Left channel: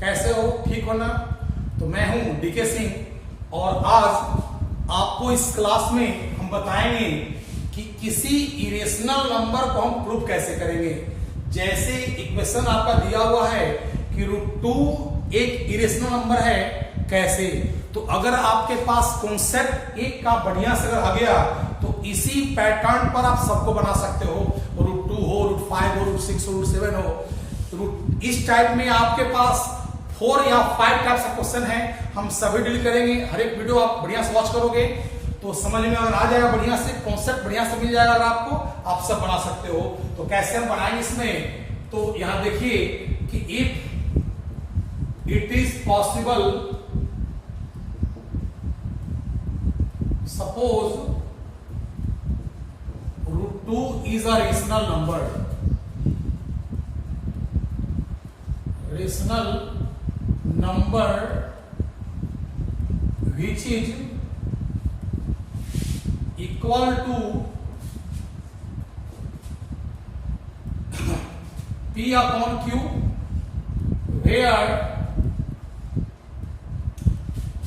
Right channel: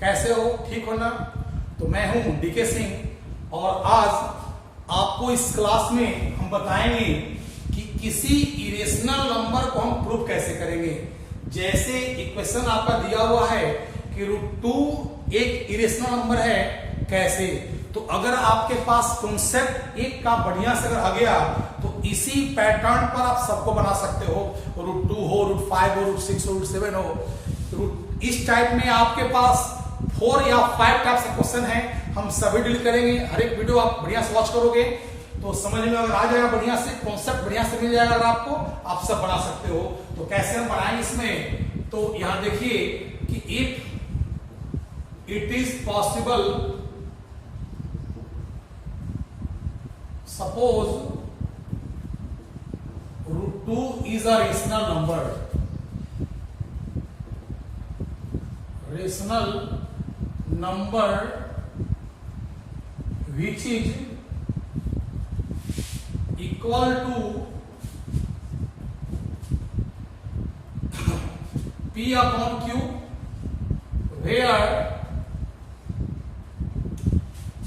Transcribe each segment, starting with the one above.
कैसे हो? ठीक हो ना? तो मैं हूं डीके सिंह और आज आपको इस क्लास में हम बताएंगे कि किसी इरेशनल नंबर को हम प्रूव कैसे करेंगे। जैसे इक्वेशन आपका दिया हुआ है कि √2 एक इरेशनल नंबर है, कैसे? तो अगर आपके पास कॉन्सेप्ट एक का बढ़िया से अगर आ गया तो इसी पैटर्न पर आप सबको बना सकते हो। √2 हो, √5 हो, √6 हो, √7 हो। इस टाइप में आपके पास 4 या 5 टाइप्स ऑफ क्वेश्चन है, हम सभी डील करेंगे। हर एक वीडियो आप बढ़िया से वॉच करोगे तो समझ में अगर आ जाएगा, बढ़िया से कॉन्सेप्ट बढ़िया से मिल जाएगा अगर आपको, आप सब बना सकते हो। तो कैसे हम बनाएंगे इसमें? तो यहां देखिए कि if it is possible, suppose √2 is a rational number. Rational number which is equal to P upon Q, where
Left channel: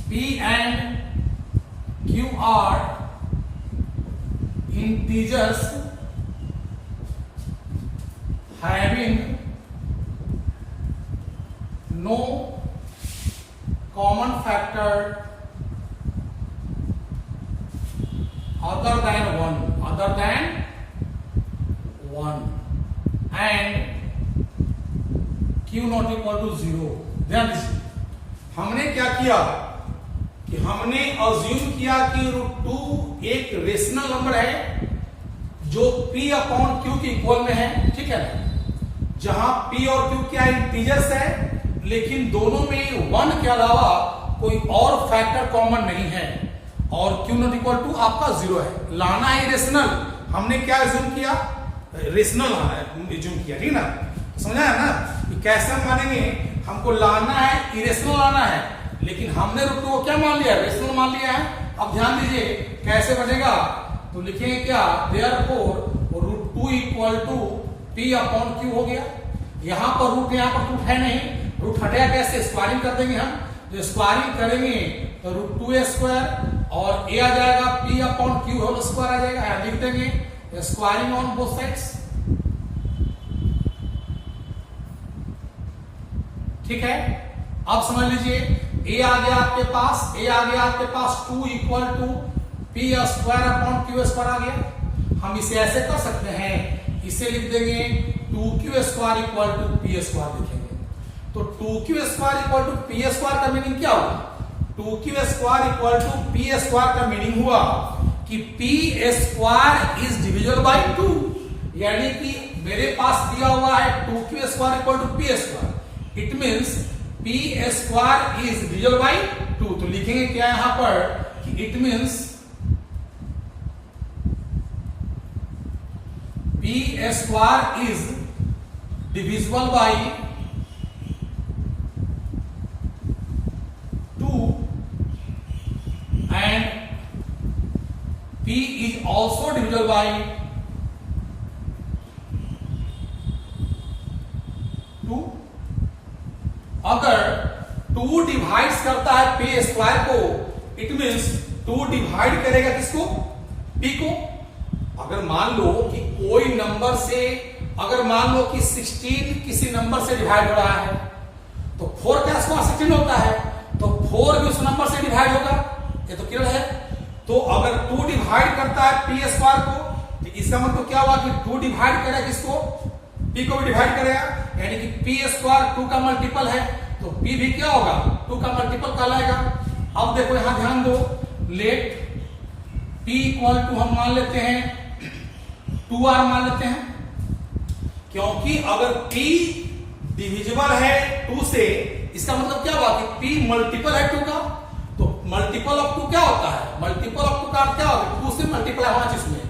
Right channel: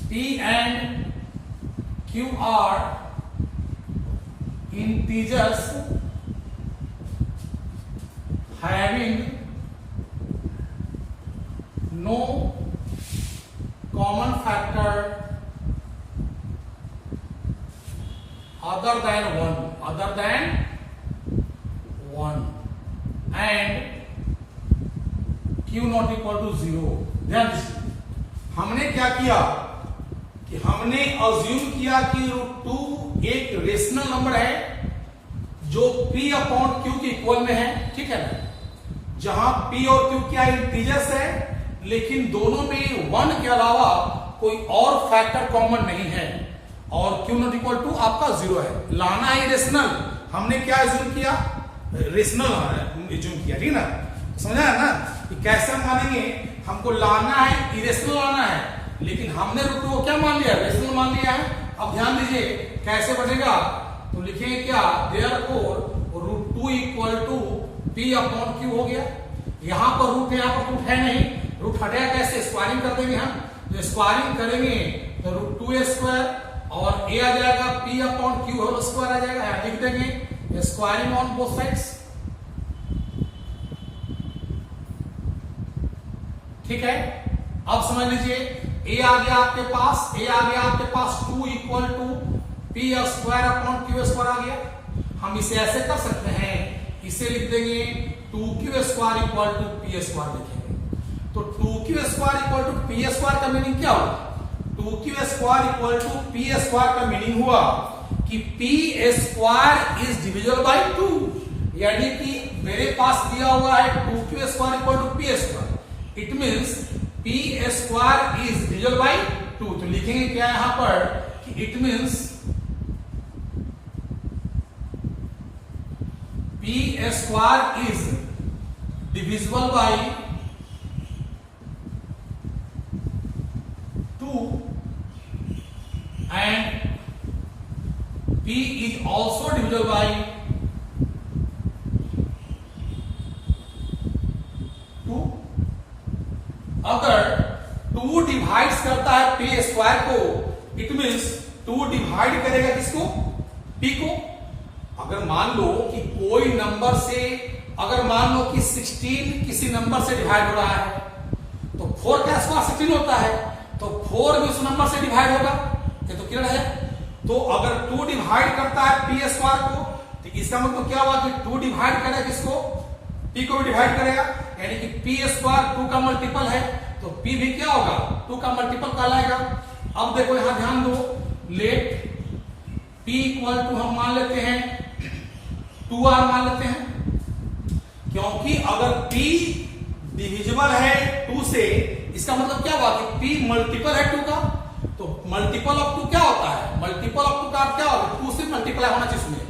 P and Q are integers having no common factor other than 1 and Q not equal to 0। ध्यान दीजिए, हमने क्या किया कि हमने assume किया कि √2 एक रेशनल नंबर है जो P अपॉन Q के इक्वल में है, ठीक है ना? जहां P और Q क्या इंटीजर्स है, लेकिन दोनों में 1 के अलावा कोई और फैक्टर कॉमन नहीं है और Q नॉट इक्वल टू आपका 0 है। लाना है रेशनल, हमने क्या अज्यूम किया? रेशनल अज्यूम किया, ठीक है ना? समझा है ना कि कैसे हम मानेंगे? हमको लाना है, इरेशनल लाना है, लेकिन हमने √2 को क्या मान लिया? रेशनल मान लिया है। अब ध्यान दीजिए कैसे बनेगा, तो लिखेंगे क्या? Therefore √2 equal to P upon Q हो गया। यहां पर रूट, यहां पर रूट है नहीं, रूट हटेगा कैसे? स्क्वायरिंग कर देंगे हम। तो स्क्वायरिंग करेंगे तो √2a² और a आ जाएगा P upon Q whole square आ जाएगा, यहां लिख देंगे स्क्वायरिंग ऑन बोथ साइड्स, ठीक है? अब समझ लीजिए a आ गया आपके पास, 2 equal to P square upon Q square आ गया। हम इसे ऐसे कर सकते हैं, इसे लिख देंगे 2Q square equal to P square लिखेंगे। तो 2Q square equal to P square का मीनिंग क्या हुआ? 2Q square equal to P square का मीनिंग हुआ कि P square is divisible by 2, यानी कि मेरे पास दिया हुआ है 2Q square equal to P square, it means P square is divisible by 2। तो लिखेंगे क्या यहां पर कि it means P square is divisible by 2 and P is also divisible by 2। अगर 2 डिवाइड करता है P स्क्वायर को, इट मीन्स 2 डिवाइड करेगा किसको? P को। अगर मान लो कि कोई नंबर से, अगर मान लो कि 16 किसी नंबर से डिवाइड हो रहा है, तो 4 का स्क्वायर 16 होता है, तो 4 भी उस नंबर से डिवाइड होगा, ये तो क्लियर है। तो अगर 2 डिवाइड करता है P स्क्वायर को, तो इसका मतलब क्या हुआ कि 2 डिवाइड करेगा किसको? P को भी डिवाइड करेगा, यानी कि P स्क्वायर 2 का मल्टीपल है, तो P भी क्या होगा? 2 का मल्टीपल कहलाएगा। अब देखो यहां ध्यान दो, लेट P इक्वल टू हम मान लेते हैं 2R मान लेते हैं, क्योंकि अगर P डिविजिबल है 2 से, इसका मतलब क्या हुआ कि P मल्टीपल है 2 का। तो मल्टीपल ऑफ 2 क्या होता है? मल्टीपल ऑफ 2 का क्या होगा? 2 से मल्टीपल होना चाहिए इसमें,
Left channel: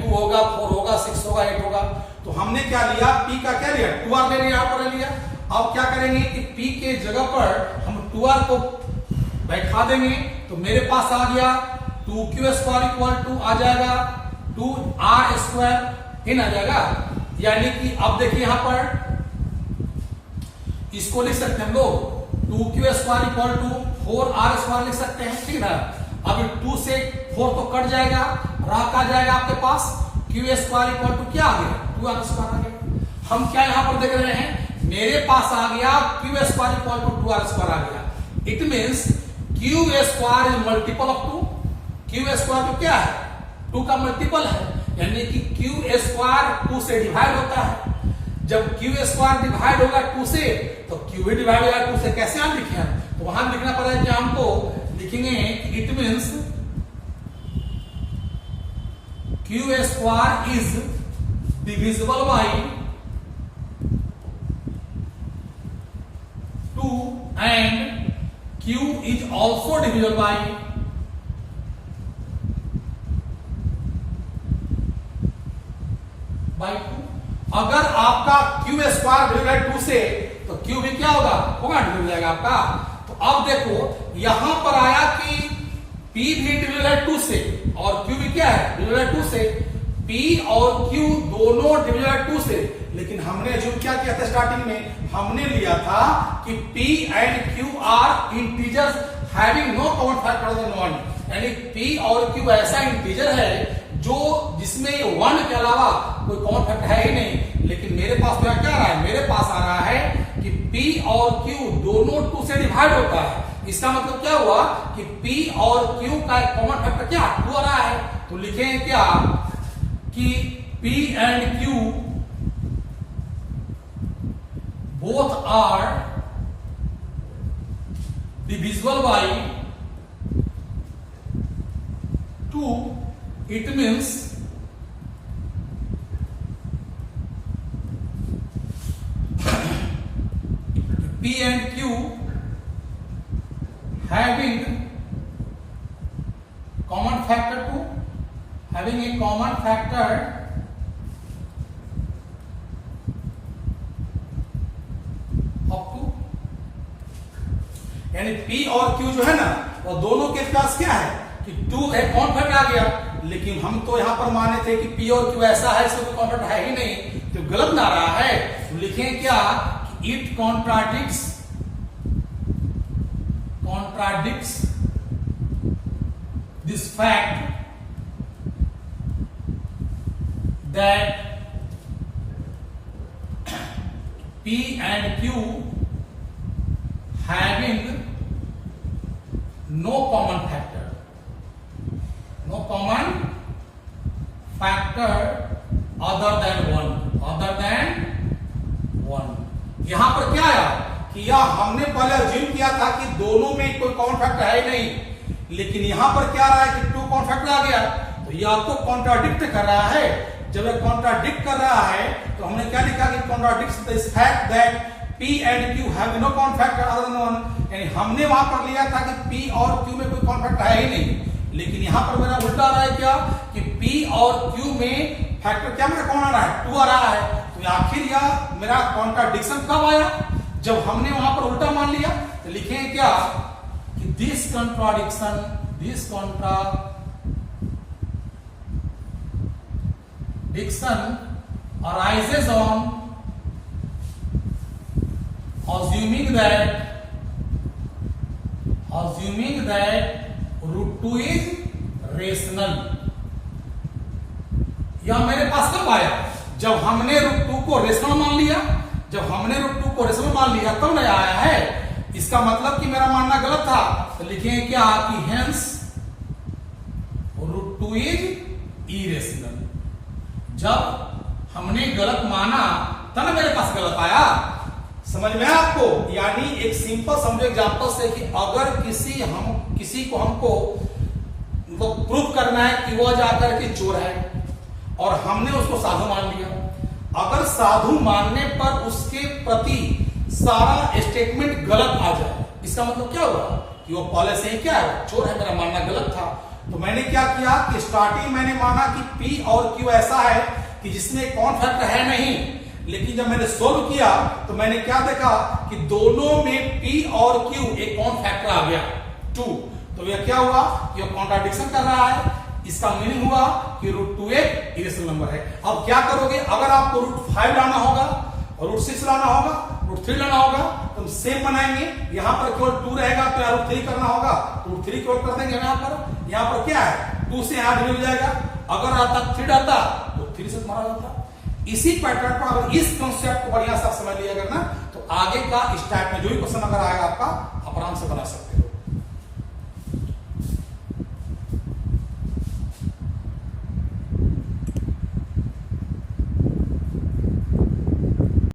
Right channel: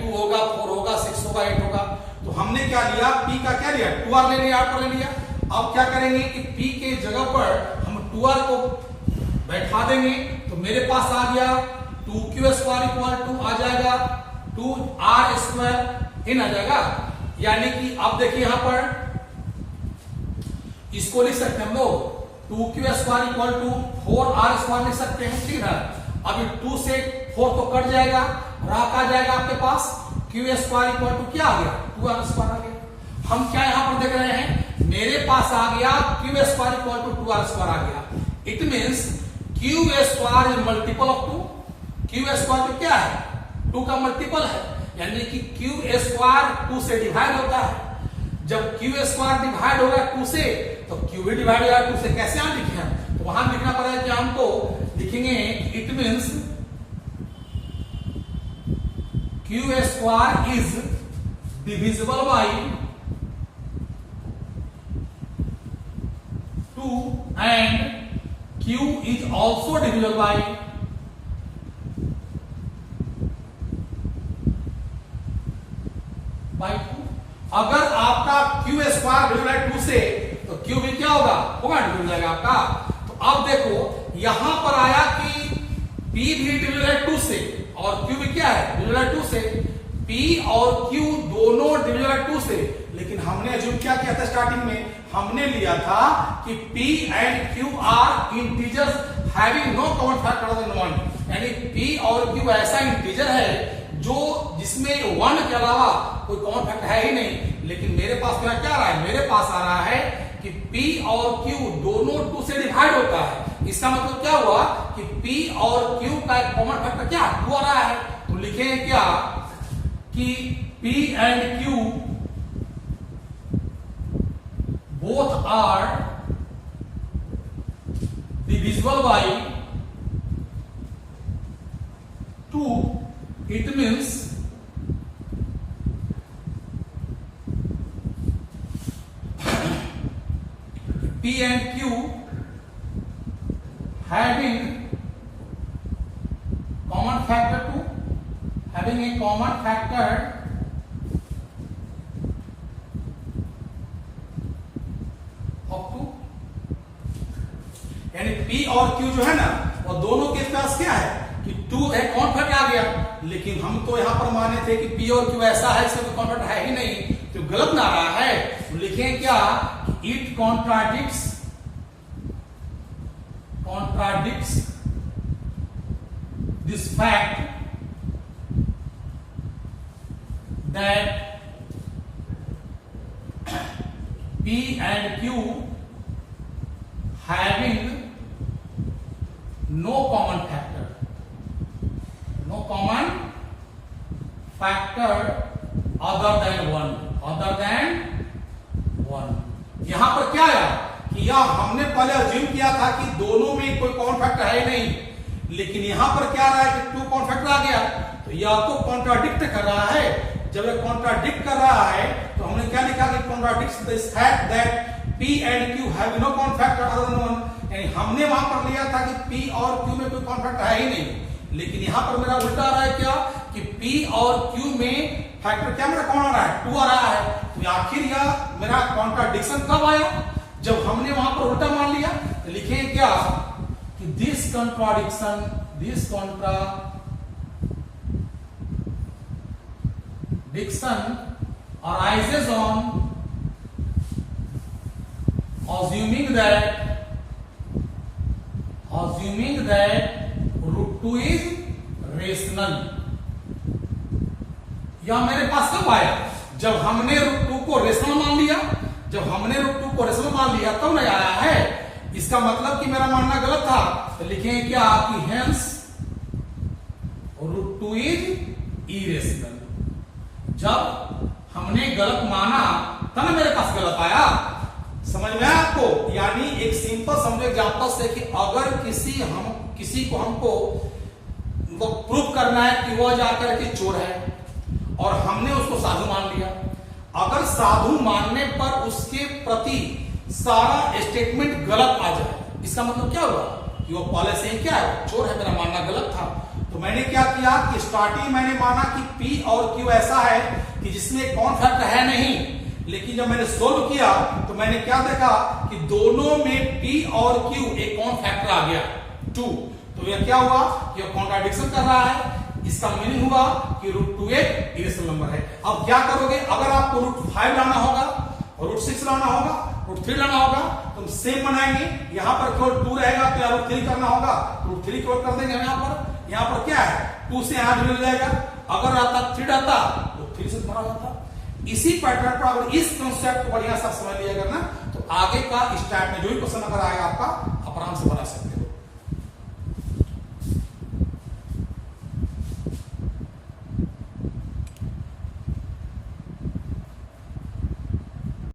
2 होगा, 4 होगा, 6 होगा, 8 होगा। तो हमने क्या लिया? P का क्या लिया? 2R ले लिया, ले लिया। अब क्या करेंगे कि P के जगह पर हम 2R को बैठा देंगे, तो मेरे पास आ गया 2Q स्क्वायर इक्वल टू आ जाएगा 2R स्क्वायर इन आ जाएगा। यानी कि अब देखिए यहां पर इसको लिख सकते हैं हम लोग 2q square equal to 4r square लिख सकते हैं, ठीक है। अभी 2 से 4 तो कट जाएगा, राह आ जाएगा आपके पास, q स्क्वायर इक्वल टू क्या आ गया, 2r स्क्वायर आ गया। हम क्या यहां पर देख रहे हैं, मेरे पास आ गया q square equal to 2r square आ गया। It means q square is multiple of 2। q square तो क्या है, 2 का मल्टीपल है, यानी कि q स्क्वायर 2 से डिवाइड होता है। जब q स्क्वायर डिवाइड होगा 2 से, तो q भी डिवाइड होगा 2 से। कैसे आप लिखे हैं, तो वहां लिखना पड़ेगा कि हमको लिखेंगे it means q square is divisible by 2 and q is also divisible by 2। अगर आपका q स्क्वायर डिवाइड बाय 2 से, तो q भी क्या होगा, डिवाइड हो जाएगा आपका। तो अब देखो यहां पर आया कि p भी डिवाइड बाय 2 से और q भी क्या है, डिवाइड बाय 2 से। p और q दोनों डिवाइड बाय 2 से, लेकिन हमने जो क्या किया था स्टार्टिंग में, हमने लिया था कि p and q are integers having no common factor other than 1, यानी p और q ऐसा इंटीजर है जो जिसमें 1 के अलावा कोई कॉमन फैक्टर है ही नहीं। लेकिन मेरे पास क्या आ रहा है, मेरे पास आ रहा है कि p और q दोनों 2 से डिवाइड होता है। इसका मतलब क्या हुआ कि p और q का एक कॉमन फैक्टर क्या 2 आ रहा है। तो लिखेंगे क्या कि p and q both are divisible by 2। It means P and Q having common factor 2, having a common factor of 2, यानी P और Q जो है ना, वो दोनों के पास क्या है कि 2 एक कॉमन फैक्टर आ गया। लेकिन हम तो यहां पर माने थे कि p और q ऐसा है, इसमें कोई कॉन्ट्रैक्ट है ही नहीं, तो गलत ना रहा है। तो लिखें क्या कि it contradicts this fact that p and q having no common factor other than 1। यहां पर क्या आया कि यह हमने पहले अज्यूम किया था कि दोनों में कोई कॉमन फैक्टर है ही नहीं, लेकिन यहां पर क्या रहा है कि 2 कॉमन फैक्टर आ गया। तो यह तो कॉन्ट्राडिक्ट कर रहा है। जब यह कॉन्ट्राडिक्ट कर रहा है तो हमने क्या लिखा कि contradicts this fact that p and q have no common factor other than 1, यानी हमने वहां पर लिया था कि p और q में कोई कॉमन फैक्टर है ही नहीं, लेकिन यहां पर मेरा उल्टा आ रहा है क्या कि p और q में फैक्टर क्या मेरा कौन आ रहा है, 2 आ रहा है। तो आखिर यह मेरा कॉन्ट्राडिक्शन कब आया, जब हमने वहां पर उल्टा मान लिया। तो लिखें क्या कि this contradiction arises on assuming that root 2 is rational। यह मेरे पास कब आया, जब हमने रूट 2 को रेशनल मान लिया। जब हमने रूट 2 को रेशनल मान लिया तब नहीं आया है। इसका मतलब कि मेरा मानना गलत था। तो लिखेंगे क्या कि हेंस रूट 2 इज इरेशनल। जब हमने गलत माना तब मेरे पास गलत आया। समझ में आपको, यानी एक सिंपल समझो एग्जांपल से कि अगर किसी को हमको प्रूफ करना है कि वह जाकर के चोर है और हमने उसको साधु मान लिया। अगर साधु मानने पर उसके प्रति सारा स्टेटमेंट गलत आ जाए, इसका मतलब क्या हुआ कि वो पहले से ही क्या है, चोर है, मेरा मानना गलत था। तो मैंने क्या किया कि स्टार्टिंग मैंने माना कि P और Q ऐसा है कि जिसमें कौन फैक्टर है नहीं, लेकिन जब मैंने सोल्व किया तो मैंने क्या देखा कि दोनों में P और Q एक कौन फैक्टर आ गया 2। तो यह क्या हुआ कि यह कॉन्ट्राडिक्शन कर रहा है। इसका मीनिंग हुआ कि रूट 2 एक इरेशनल नंबर है। अब क्या करोगे, अगर आपको रूट 5 लाना होगा और रूट 6 लाना होगा रूट 3 लेना होगा तो हम सेम बनाएंगे। यहां पर केवल 2 रहेगा तो रूट 3 करना होगा, रूट 3 केवल कर देंगे। यहां पर क्या है, 2 से यहां मिल जाएगा। अगर आता 3 आता तो 3 से मारा जाता। इसी पैटर्न पर अगर इस कंसेप्ट को बढ़िया सा समझ लिया करना तो आगे का स्टैप में जो भी क्वेश्चन अगर आएगा आपका आप आराम से बना सकते हैं।